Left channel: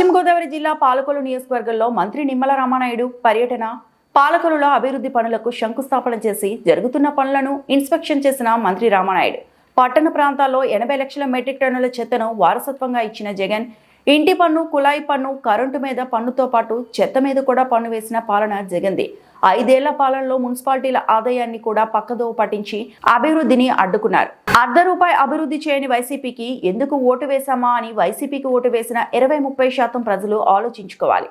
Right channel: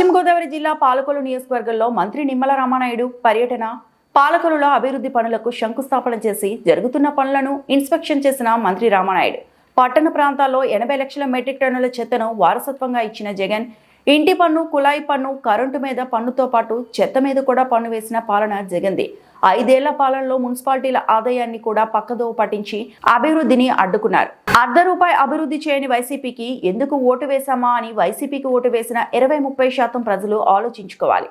పశ్చిమ గోదావరి జిల్లా పాలకొలు నియోజకవర్గంలో మంత్రి నిమ్మల రామానాయుడు పర్యటన పాలకొలులో అభివృద్ధి పనులకు శంకుస్థాపన చేసి జరుగుతున్న పనులను ఇన్స్పెక్షన్ చేసిన మంత్రి రామానాయుడు. పట్టణ ప్రాంతాల్లో ఎనభై లక్షల మెట్రిక్ టన్నుల చెత్తను వారసత్వంగా ఇచ్చిన జగన్ ఇంటి పన్ను కుళాయి పన్ను కరెంటు మీద పన్నుతో పాటు చెత్త మీద కూడా పన్ను వేసిన పాలన జగంది. ఐదేళ్ళ పాలనలో మున్సిపాలిటీల ఆదాయాన్ని కూడా పక్కదోవ పట్టించి అభివృద్ధిని అడ్డుకున్నారు. అర్ధ రూపాయి అభివృద్ధి చేయని వైసీపీకి ఎందుకు ఓటు వేశామా అని వైసీపీకి ఓటు వేసిన ఇరవై ముప్పై శాతం ప్రజలు ఆలోచించుకోవాలి.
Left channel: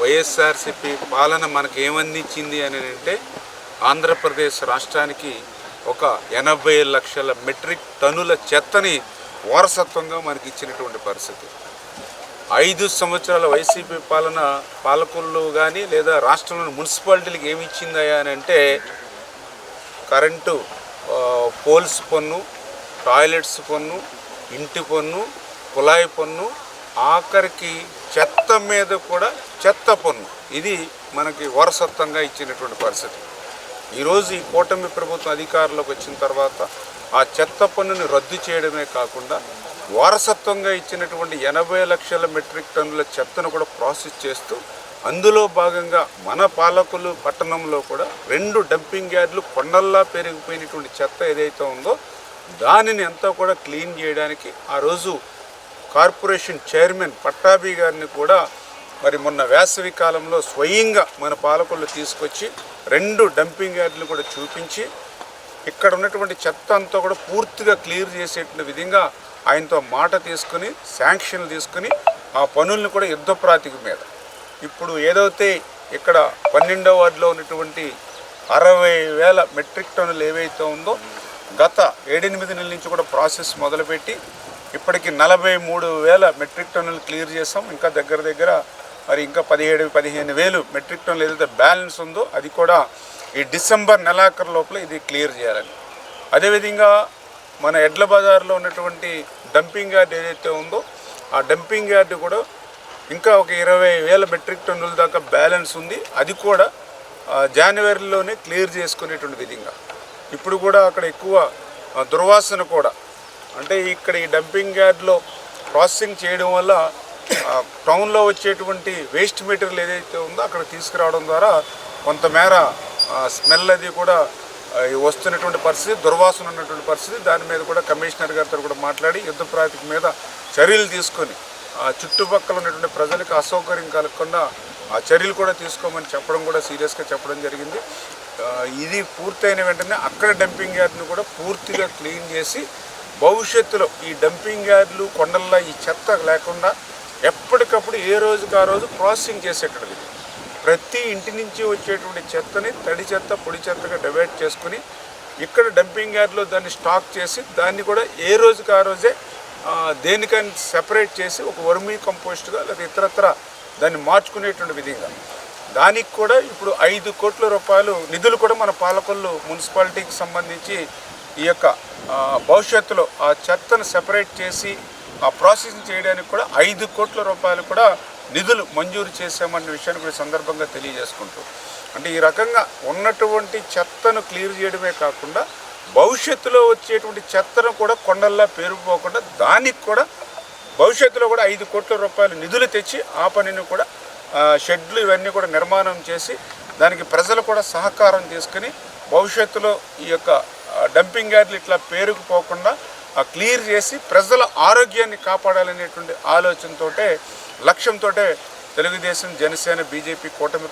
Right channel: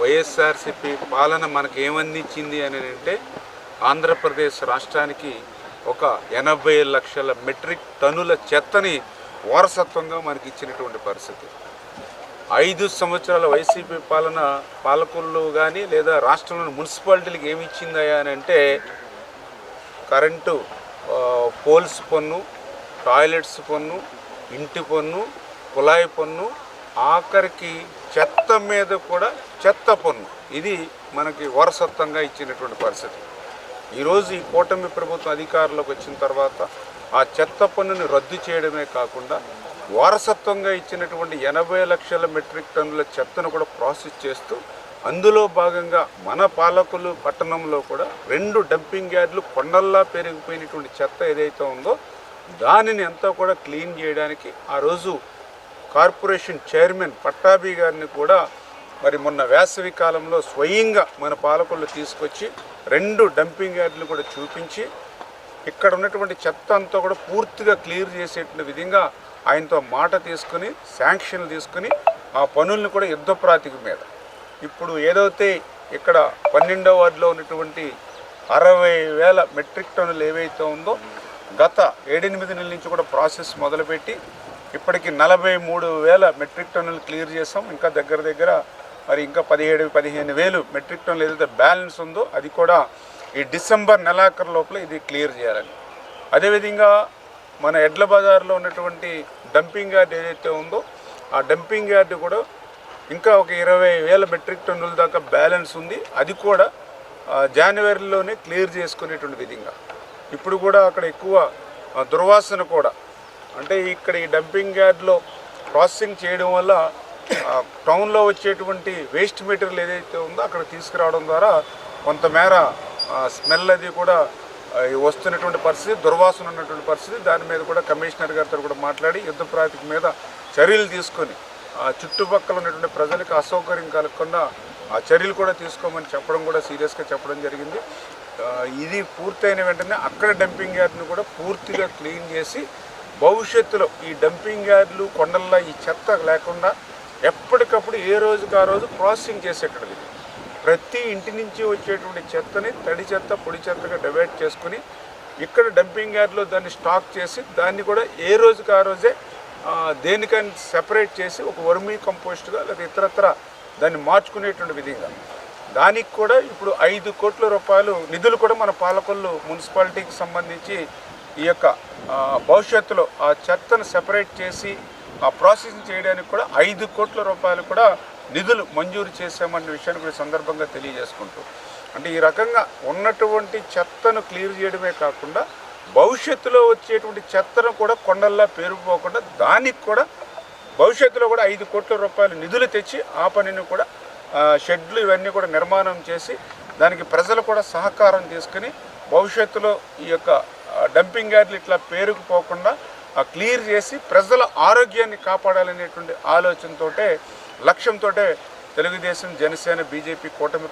వైఎస్ఆర్సిపి పాలన మనకు ఏమందించింది అని అంటే ఆంధ్రప్రదేశ్ రాష్ట్రానికి ఒక ఎనభై లక్షల మెట్రిక్ టన్నుల చెత్తని వారసత్వంగా మనకి ఇచ్చినటువంటి పరిస్థితి. ఐదు సంవత్సరాల వైసీపీ పాలన పాలకులు కానీ లేదా రాష్ట్రంలోని మున్సిపాలిటీలకు ఏమి ఇచ్చిందయా అని అంటే కరెంటు పోల్స్ పన్ను టాయిలెట్స్ పన్ను ఇంటి పన్ను కుళాయి పన్ను ఆఖరికి చెత్త మీద కూడా చెత్త పన్ను. ఇది మనకి వారసత్వంగా ఇచ్చినటువంటి పరిస్థితి. ఈరోజు ఈ కూటమి ప్రభుత్వం అధికారంలోకి వచ్చిన తర్వాత ఆ చెత్త పన్నుని రద్దు చేయడమే కాకుండా వారసత్వంగా ఇచ్చినటువంటి ఎనభై లక్షల మెట్రిక్ టన్నుల చెత్తను కూడా ప్రాసెస్ చేస్తూ అందులో భాగంగా మన పాలకులు పట్టణంలో కూడా రెండు డంపింగ్ యార్డులు కొండల్లా పెరిగిపోయినటువంటి చెత్త ఏదైతే ఉందో దానిని అంతా కూడా క్లీన్ చేయడానికి ఆ రోజు కార్పొరేషన్ చైర్మన్ పట్టాభి గారిని కూడా మరి మొన్న వేసవి కాలంలో స్వయంగా మన పాలకులు తీసుకొచ్చి రెండు డంపింగ్ యార్డులు కూడా చూపించి ఇక్కడ ఉన్నటువంటి చెత్త అంతా కూడా పూర్తిగా క్లియర్ చేసేటువంటి విధంగా ఆయనతో మాట తీసుకుని శాంక్షన్లు తీసుకుని ఆ పనుల్ని కూడా యుద్ధ ప్రాతిక మీద. ఇప్పుడు ఏదైతే ఇక్కడ పన్నెండవ వార్డులో ఉన్నటువంటి అరవై వేల మెట్రిక్ టన్నులు ఏవైతే ఉందో గత ఏడెనిమిది నెలల నుంచి కూడా ప్రాసెస్ మొదలుపెట్టి ఇప్పటికి నలభై మూడు వేల మెట్రిక్ టన్నులు క్లియర్ చేస్తాం ఇంకా దగ్గర దగ్గర మరి ఇంకా పదిహేడు పదిహేను వేలు మెట్రిక్ టన్నులు ఏదైతే బ్యాలెన్స్ ఉందో అది కూడా ఈ డిసెంబర్ నెలాఖరు లోపల ఇది క్లియర్ చేయాలని. అదేవిధంగా మన ఎడ్ల బజార్లో ఉన్నటువంటి డంపింగ్ యార్డ్ ఏదైతే ఉందో ఆ డంపింగ్ యార్డ్ కూడా ఇంకా ఒక ఇరవై వేల మెట్రిక్ టన్నుల దాకా బ్యాలెన్స్ ఉంది. అది కూడా జనవరిలోనే క్లియర్ చేసుకునేటువంటి విధంగా. ఇప్పుడు కూడా అక్కడ ఎక్కువ దుర్వాసన కూడా అంటే ఇక్కడ ఈ డంపింగ్ యార్డ్లో ప్రాసెసింగ్ చేయడం వల్ల టౌన్లో వచ్చేటువంటి వేస్ట్ మెటీరియల్ ఏదైతే ఉందో అక్కడ తీసుకురావడం ద్వారా కొంతమేర స్మెల్ అది కూడా వస్తున్నటువంటి పరిస్థితి దుర్వాసన ఉన్నటువంటి పరిస్థితి దాని మీద కూడా కమిషనర్ గారితో కూడా మాట్లాడి యుద్ధ ప్రాతిక మీద చర్యలు తీసుకొని ఆ చుట్టుపక్కల ఉన్నటువంటి ప్రజలకు అసౌకర్యం కలగకుండా ఆ చర్యలు కూడా తీసుకోమని చెప్పడం కూడా సీరియస్గా చెప్పడం జరిగింది. ఇది పూర్తయిన వెంటనే అక్కడ డంపింగ్ యార్డ్ని కూడా పూర్తిగా క్లీన్ చేసి భవిష్యత్తులో ఈ డంపింగ్ యార్డులు కొండల్లో ఈ చెత్త లేకుండా ఎప్పటికప్పుడు ఏ రోజుకి ఆ రోజు ప్రాసెసింగ్ చేసేటది ప్రతి ఇంటి నుంచి వచ్చేటువంటి చెత్తని తడి చెత్త పొడి చెత్తగా డివైడ్ చేసుకుని ఇక్కడ డంపింగ్ యార్డ్లో దాన్ని స్టాక్ చేసి దాన్ని కూడా ఏ రోజుకి ఆ రోజే దేనికని సెపరేట్ చేసి ఒక వర్మీ కంపోస్ట్గా లేదా ఇతరత్ర దాన్ని మార్చుకునేటువంటి విధంగా. దానికి కూడా ఇప్పుడు ఐదు కోట్ల రూపాయలు నిధులు కూడా మన పాలకొల్లు మున్సిపాలిటీకి సంబంధించి ఈ యొక్క భవిష్యత్తులో ఆ చెత్తను సెపరేట్ చేసి ఆ ప్రాసెసింగ్ చేయడానికి కూడా ఐదు కోట్ల రూపాయలు కూడా నిధులు మంజూరు చేశామన్న విషయాన్ని కూడా సందర్భంగా తెలియజేసుకుంటూ. అంటే ఈ రకంగా ఉన్నటువంటి చెత్తను క్లియర్ చేయడమే కాకుండా భవిష్యత్తులో వచ్చేటువంటి చెత్తను కూడా కొండల్లా పేరుపోకుండా దానికి కూడా భవిష్యత్తులో కూడా ఐదు కోట్ల రూపాయలు నిధులు తెచ్చి ఆ పనిని కూడా షెడ్లు ఇవన్నీ కూడా నిర్మాణం చేసి దానికి ప్రజలు కూడా సహకారం తీసుకుని భవిష్యత్తులో ఈ యొక్క డంపింగ్ యార్డులు ఇట్లా పేరుకుపోకుండా క్లియర్ చేసి ప్రజల ఆరోగ్యాన్ని కాపాడాలనేటువంటి ఆలోచనతోటే లక్ష్యంతోటే తెలుగుదేశం జనసేన బీజేపీ కూటమి